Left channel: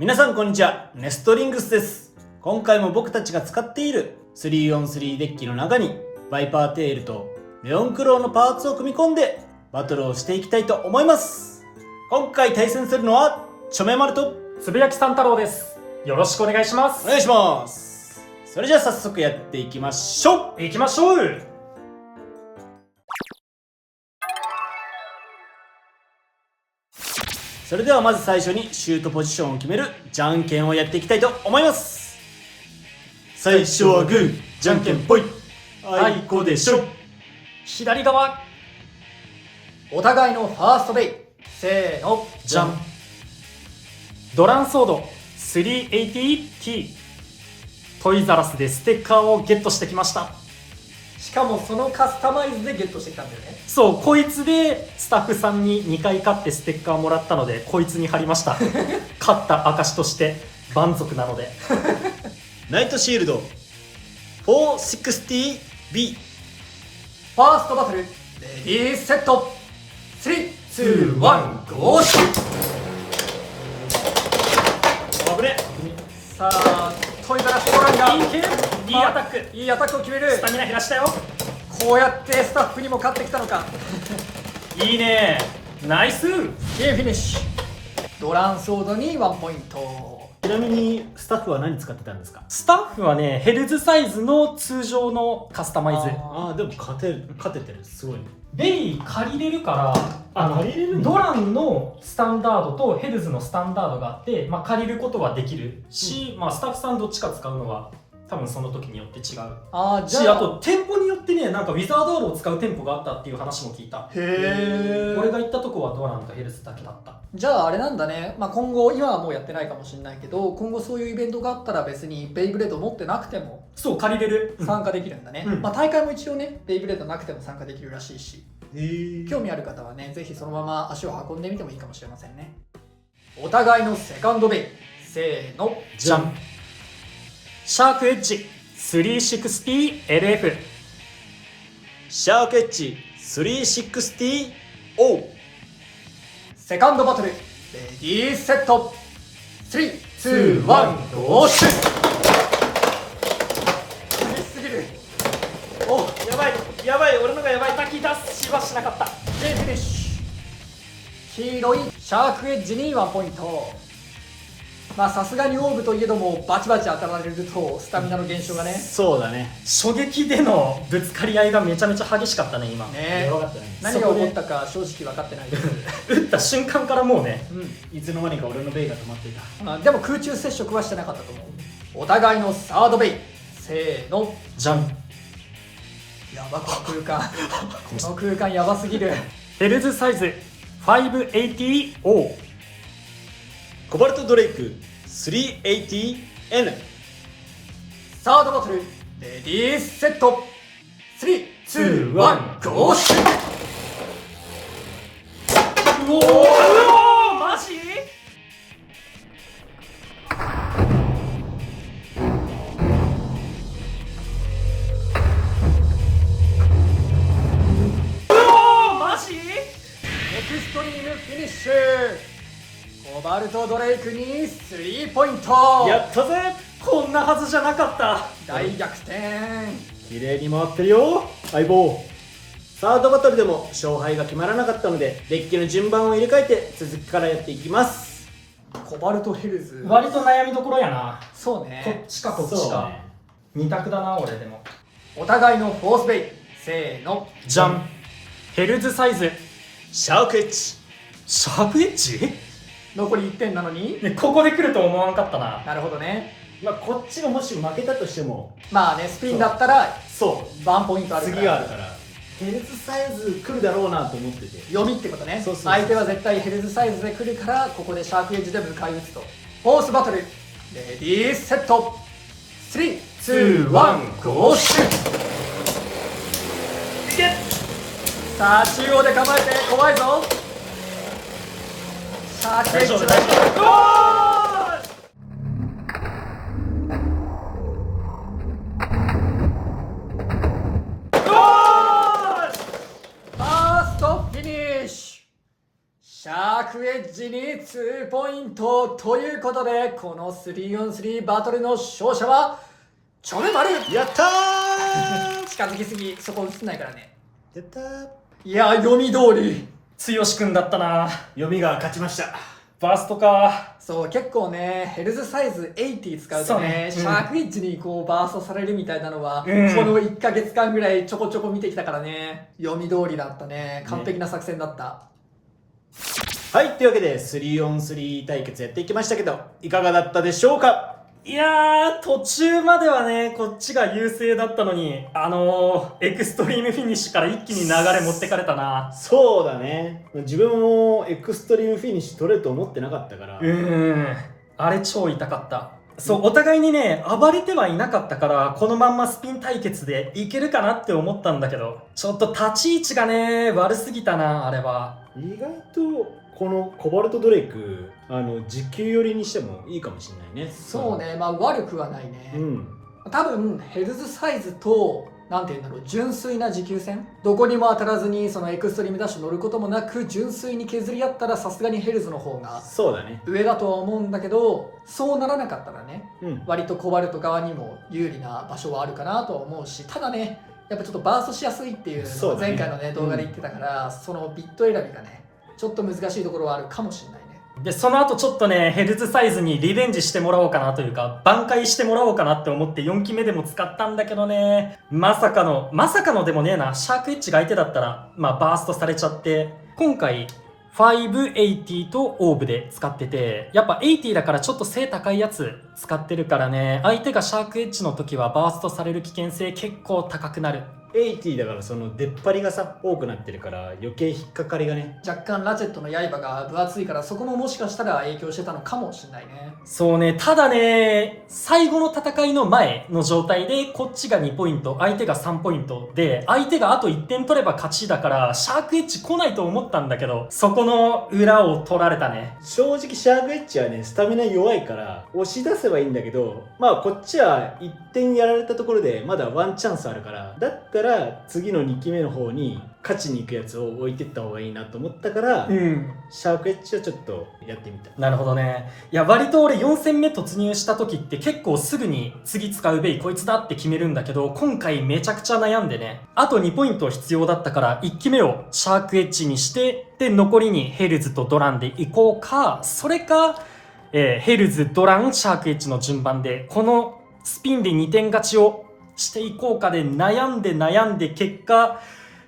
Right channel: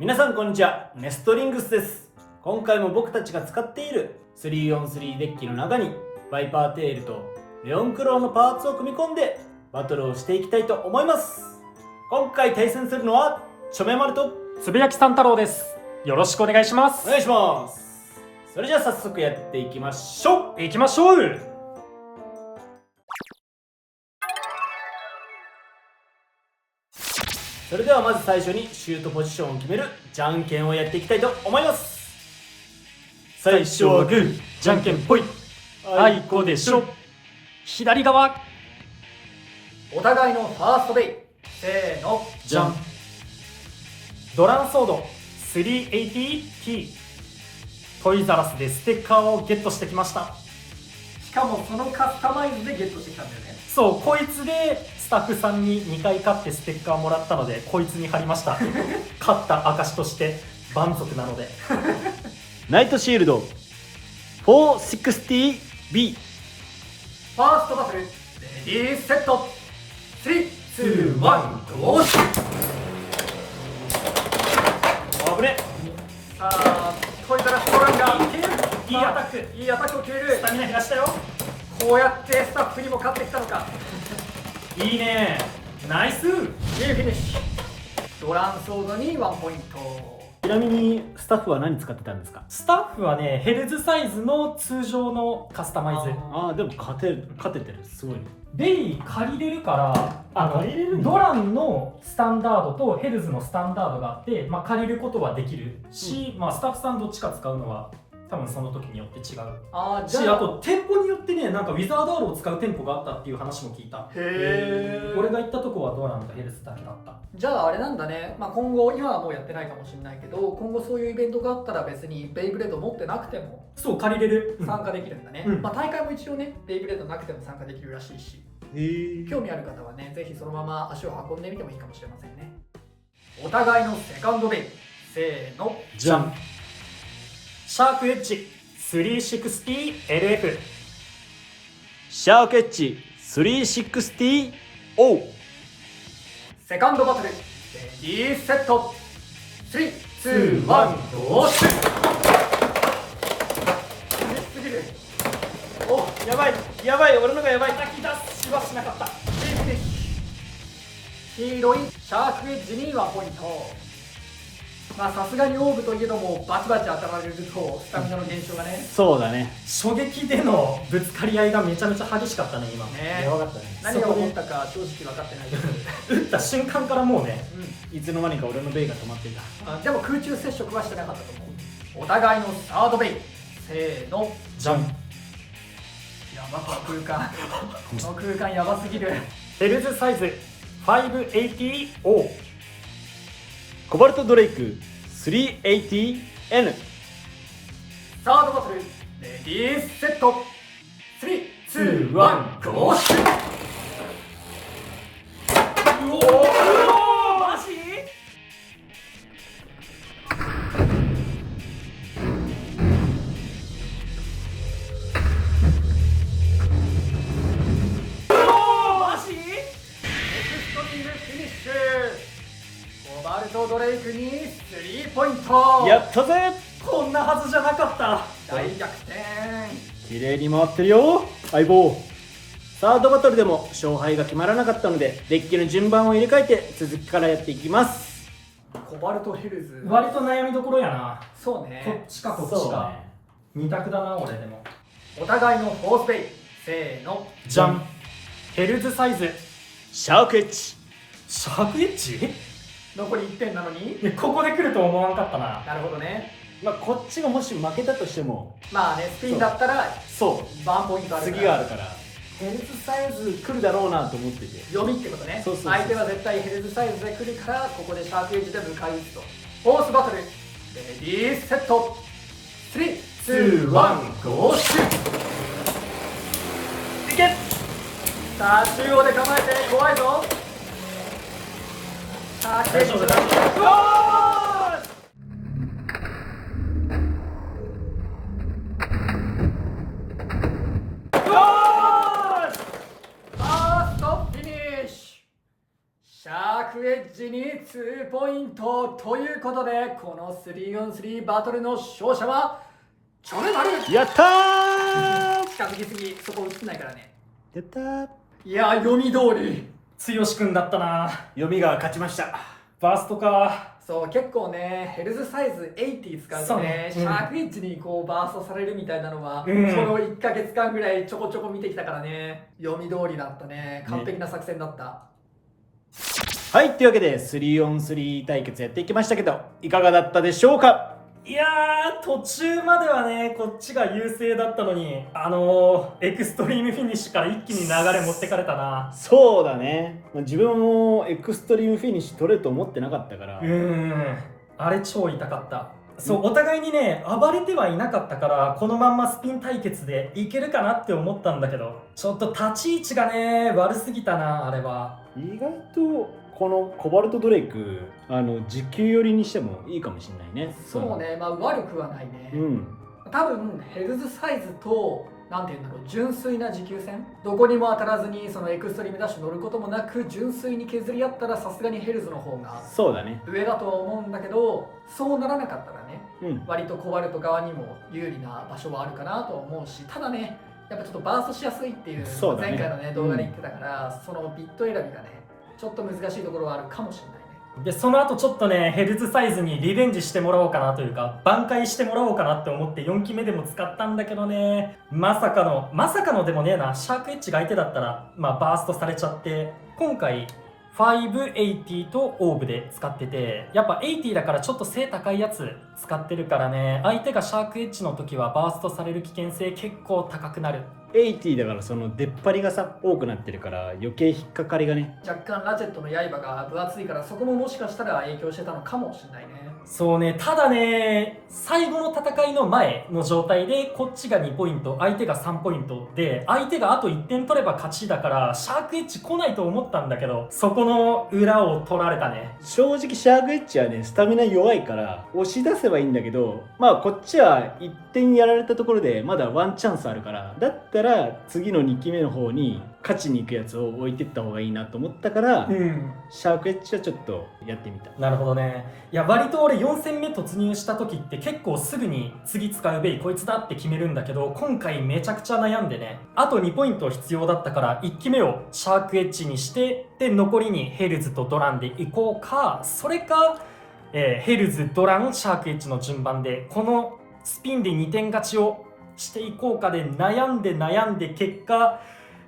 皆さんこんにちは、ネストリングスです。今回も僕たちが使っている 3on3 デッキの中にバイパーテールとレオンクローのパーツを組み込んでバトルをしていきたいと思います。今回対戦するのはチョメマルとつぶやきさん太郎です。よろしくお願いします。お願いします。それじゃあ早速やっていきましょう。行きましょう。それではまず最初にシュートポジションを決めるじゃんけんをやっていきたいと思います。最初はグー、じゃんけんぽい、あいこでしょ。左側。お互いのファーストデイ、せーの、じゃん。ドランソード 380T トイザラスでステッカーをゲットしてきました。しかもそのカスタマイズでゲットしてきたんだよね。そう、こいつでスタッフさんに2回勝ってステッカーもらったのでこいつに貼りました。勝った証として満足なので。ナイトシールド 460B。 ファーストバトル、レディーセット、3、2、1、ゴーシュ。危ね。さあ、トイザラストランがいいアタック。いいアタックを決める。スタミナ減らしたよ。こうやってスタッフにも勝ってきたのか。いいね、ナイス。いいフィニッシュ。ドランソードに1ポイント。ちなみにスタッフは何使ってたんですか？スタッフはね、ヘルズサイズの通常のカスタマイズ。ああ、でも勝ててる、すごい。レイ借りれるから借りれるんだ。ドランのスタンダードとヘルズのスタンダードがあって、借りることはできるし、スタッフさんどっちか使うのは多分その時によって違うし、あと店舗によってね、なんかウィザードアールを使う店舗があったっていう話も聞いた。へー。俺が行ったとこはドランとヘルズだけだった。じゃああれなんだね、今後、今はもうやってないかもしれないけど、今後そういうイベントがあったら別にベイブレード持ってなくてもそう、借りれる。参加できるんだね。大会も一応ね、ベイブレードなくても参加できるらしいし、興味ある方はね、ぜひそのまま足を運んでみてもいいかもしれませんね。お互いのセカンドベイ、せーの、じゃん。シャークエッジ 360LF。 シャークエッジ 360O。 セカンドバトル、レディーセット、3、2、1、ゴーシュ。すぎる。お、やばいやばい、俺のがやばい。滝出しはしなかった。フィニッシュ。黄色いシャークエッジに1ポイント。さすがにオーブといえどもバチバチ当たられるとスタミナの減少がね。そうだね。衝撃でのぶつかり合いがめちゃめちゃ激しかったね今。ね、やばかったね。何が起こったか正直分かってないです。打った瞬間からもうね、いつの間にか俺のベイが止まっていた。でも空中接触はしてなかったと思う。お互いのサードベイ、せーの、じゃん。やば、この空間。この空間やばすぎる。ヘルズサイズ 580O。 コバルトドレイク 380N。 サードバトル、レディーセット、3、2、1、ゴーシュ。おお、マジ？マジ？エクストリームフィニッシュ。コバルトドレイクに3ポイント。やったぜ。こんなはずじゃなかった。大逆転。綺麗に回ってるよ相棒。サードバトルでも勝敗が決まらなかったのでデッキの順番を入れ替えて続きからやっていきます。コバルトヘルズ、割と悩みどころやな。そうね。こっちかこっちか、そうね。二択だな俺でも。お互いのフォースベイ、せーの、じゃん。ヘルズサイズシャークエッジ。シャークエッジ？残り1点なのに。ここで来ると思わんかったな。なるほどね。こっちがもし負けたとしてもスピンだったらそうワンポイントあるから。次があるからヘルズサイズ来るだろうなと思ってて。読みってことね。そう相手は絶対ヘルズサイズで来るから、ここでシャークエッジで迎え撃つと。フォースバトル、レディーセット、3、2、1、ゴーシュ。いけ。さあ中央で構えて怖いぞ。シャークエッジ、大丈夫大丈夫。ファーストフィニッシュ。シャークエッジに2 2ポイントということで、この 3on3 バトルの勝者はチョメマル。やったー近づきすぎ、そこ映ってないからね。やったー。いや、読み通り。剛くんだったな。読みが勝ちました。バーストか。そう、結構ね、ヘルズサイズ80使うとそうねね、シャークエッジにこうバーストされるみたいなのは、うんこの1ヶ月間ぐらいちょこちょこ見てきたからね、読み通りだったね。完璧な作戦だった。はい、というわけで 3on3 対決やっていきましたけど、いかがだったでしょうか。いやー、途中まではね、こっちが優勢だったのに、エクストリームフィニッシュから一気に流れ持ってかれたな。そうだね。自分もエクストリームフィニッシュ取れると思ってなかったから。あれ超痛かった。そう、お互いにね、暴れてはいなかったから、このまんまスピン対決でいけるかなって思ったんだけど、ちょっと立ち位置がね、悪すぎたな、あれは。意外とこのコバルトドレイク、時給寄りにしてもいいかもしれないね。そうね、まあ悪くはないね。うん。多分ヘルズサイズとなんていうんだろう、純粋な持久戦、どこにも当たらずにそのエクストリームダッシュ乗ることもなく純粋に削り合ったら、さすがにヘルズの方がそうだね。上だとは思うんだけど、そうならなかったらね、うん。割とコバルト側にも有利な場所はあるかなとは思うし、ただね、やっぱちょっとバーストしやすいっていうそうだね前回のね動画で言ってたから、そのビット選びがねちょっと難しいところはあるかもしれないね。で、その後ちょっとね、ヘルズサイズにリベンジしてもらおうかなというか、挽回してもらおうかなって思って4期目でも使ったんだけどね、まさかのでもねえな、シャークエッジが相手だったら、まあバーストされちゃって、今回、580とオーブで使ってて、やっぱ80だからちょっと背高いやつ使ってるからね、相手がシャークエッジの時はバーストされる危険性結構高くなる。80だからその出っ張りがさ多くなってるから余計引っかかりがね。若干ラチェットの刃が分厚いから、そこももしかしたら影響してたのかもしれないね。そうね、ただね、最後の戦いの前の状態でこっちが2ポイント、相手が3ポイントで、相手があと1点取れば勝ちだからシャークエッジ来ないと思ったんだけど、そこの裏を取られたね。正直シャークエッジはねスタミナ弱いから押し出せばいいんだけど、まあこっちは1点やられたところでまだワンチャンスあるから、だったら次の2期目の方に勝ちに行くやつを置いてった方がいいなと思ったから、シャークエッジはちょっとやってみた。なるほどね。いや、割と俺4戦目突入した時って結構すぐに次使うベイこいつだって決めるんだけど、今回めちゃくちゃ悩んでね、あと2ポイント必要だったから1期目をシャークエッジにして、で残りにヘルズとドランで行こうか、それか、ヘルズ、ドラン、シャークエッジの順番でこのスピンで2点勝ちをしていこうかで悩んで結果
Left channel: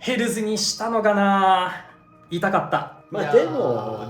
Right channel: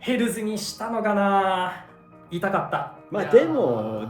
ヘルズにしたのがな。痛かった。まあいや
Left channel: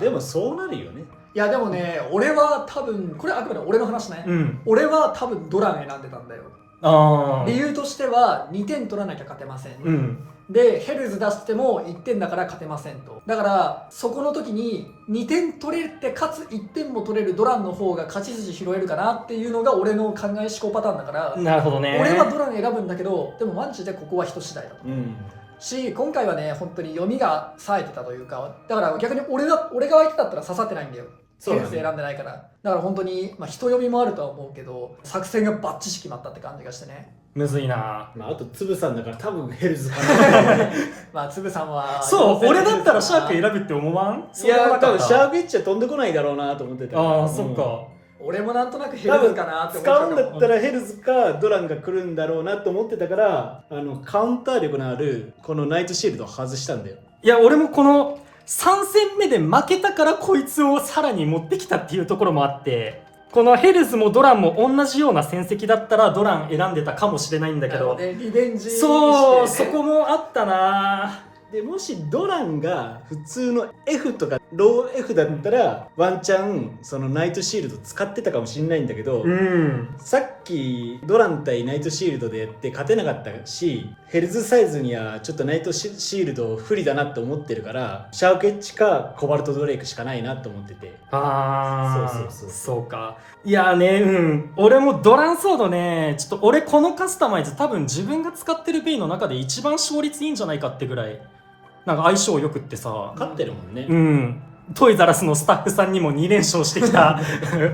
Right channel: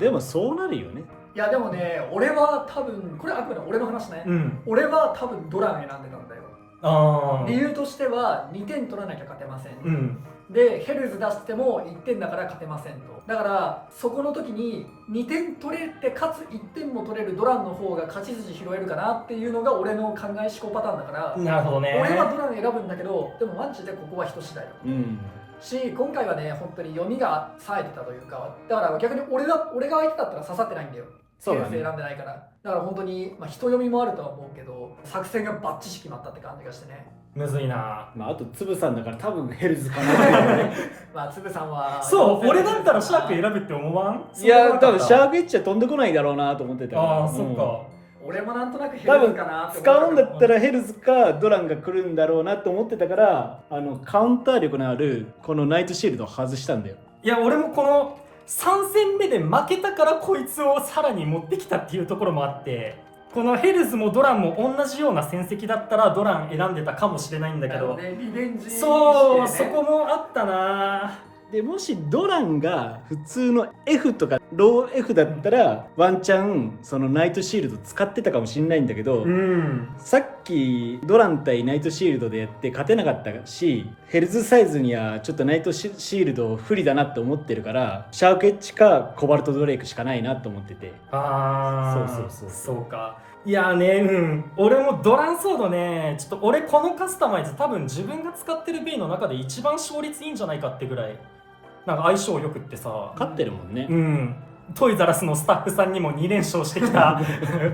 でもそうなるよね。いやでもね、俺は多分これあくまで俺の話ね、うん。俺は多分ドラン選んでたんだよ。あ理由としては2点取らなきゃ勝てません、うん。でヘルズ出しても1点だから勝てませんと。だからそこの時に2点取れてかつ1点も取れるドランの方が勝ち筋拾えるかなっていうのが俺の考え思考パターンだから、なるほどね。俺はドラン選ぶんだけど、でもマジでここは人次第だと。うん。し、今回はね本当に読みが冴えてたというか、だから逆に俺が相手だったら刺さってないんだよ。そうだねヘルズ選んでないから。だから本当に、まあ、人読みもあるとは思うけど、作戦がバッチシ決まったって感じがしてね。むずいな。まああとつぶさんだから多分ヘルズかな。まあつぶさんはそう、俺だったらシャーク選ぶって思わん？いや多分シャーク。クエッジは飛んでこないだろうなと思ってたから。ああ、そっか。俺もなんとなくヘルズかなって思使うんだったらヘルズかドランが来るんだろうなと思ってたから、カウンター力のあるこのナイトシールドを外したんだよ。いや、俺もこの3戦目で負けたからこいつをさらに持ってきたっていうところもあって、このヘルズもドランも同じような戦績だったらドラン選んでたかもしれないんだけど、ね、リベンジして、そう、そこもあったな。でもしドランが普通の F とかロー F だったらワンチャンそのナイトシールド使ってたかもしれないんだけど、さっきドラン対ナイトシールドでやって勝てなかったし、ヘルズサイズにはちょっとナイトシールド不利だなって思ってるから、シャークエッジかコバルトドレイクしかないなと思ってて。ああ、そうそうか。いやね、俺もドランソードね、ちょっと俺このカスタマイズ多分自分が使ってるベイの中で一番勝率いいんじゃないかってぐらいなんか相性よくってさ、勝ってるもんね。トイザラスのスタッフさんにも2連勝してきた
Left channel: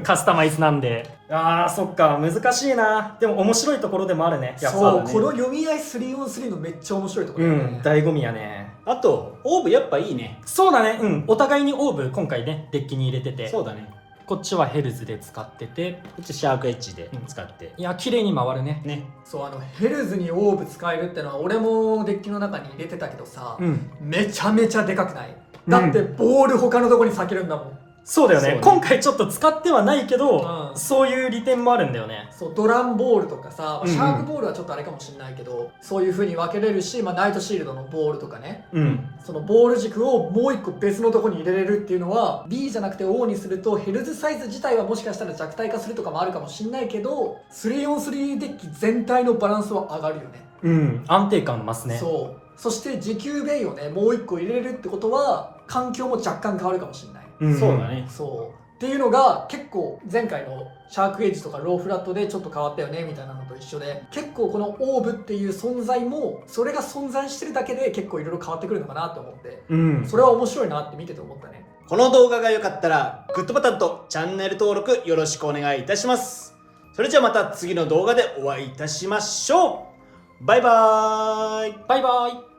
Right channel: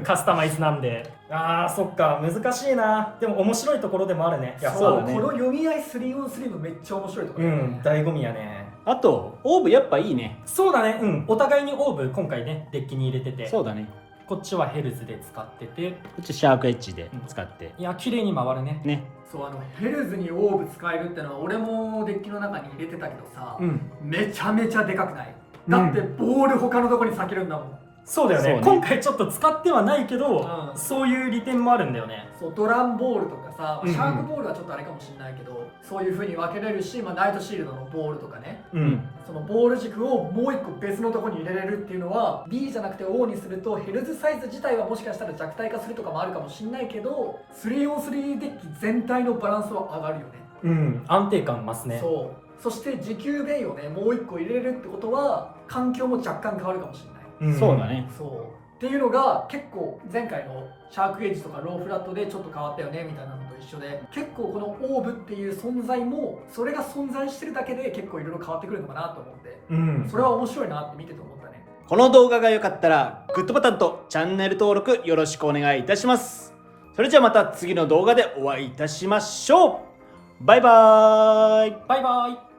カスタマイズなんで、あーそっか、難しいな。でも面白いところでもあるね。そう、この読み合い 3on3 のめっちゃ面白いところだよね。醍醐味やね。あとオーブやっぱいいね。そうだね、うん、お互いにオーブ今回ねデッキに入れてて、そうだね。こっちはヘルズで使ってて、こっちシャークエッジで使って、いや綺麗に回るね。ね。そうヘルズにオーブ使えるってのは俺もデッキの中に入れてたけどさ、めちゃめちゃでかくない？だってボール他のとこに避けるんだもん。そうだよね、そうね今回ちょっと使ってはないけど、そういう利点もあるんだよね。そうドランボールとかさ、うんうんシャークボールはちょっとあれかもしれないけど、そういう風に分けれるし、ナイトシールドのボールとかね、そのボール軸をもう一個別のとこに入れれるっていうのは B じゃなくて O にするとヘルズサイズ自体はもしかしたら弱体化するとかもあるかもしれないけど、 3on3 デッキ全体のバランスは上がるよね。安定感増すね。そして持久ベイをねもう一個入れれるってことは環境も若干変わるかもしれない。そうだね。っていうのが結構前回のシャークエッジとかローフラットでちょっと変わったよねみたいなのと一緒で、結構このオーブっていう存在もそれが存在してるだけで結構いろいろ変わってくるのかなと思って、それは面白いなって見てて思ったね。この動画が良かったらグッドボタンとチャンネル登録よろしくお願いいたします。それじゃあまた次の動画でお会いいたしましょう。バイバーイ。バイバイ。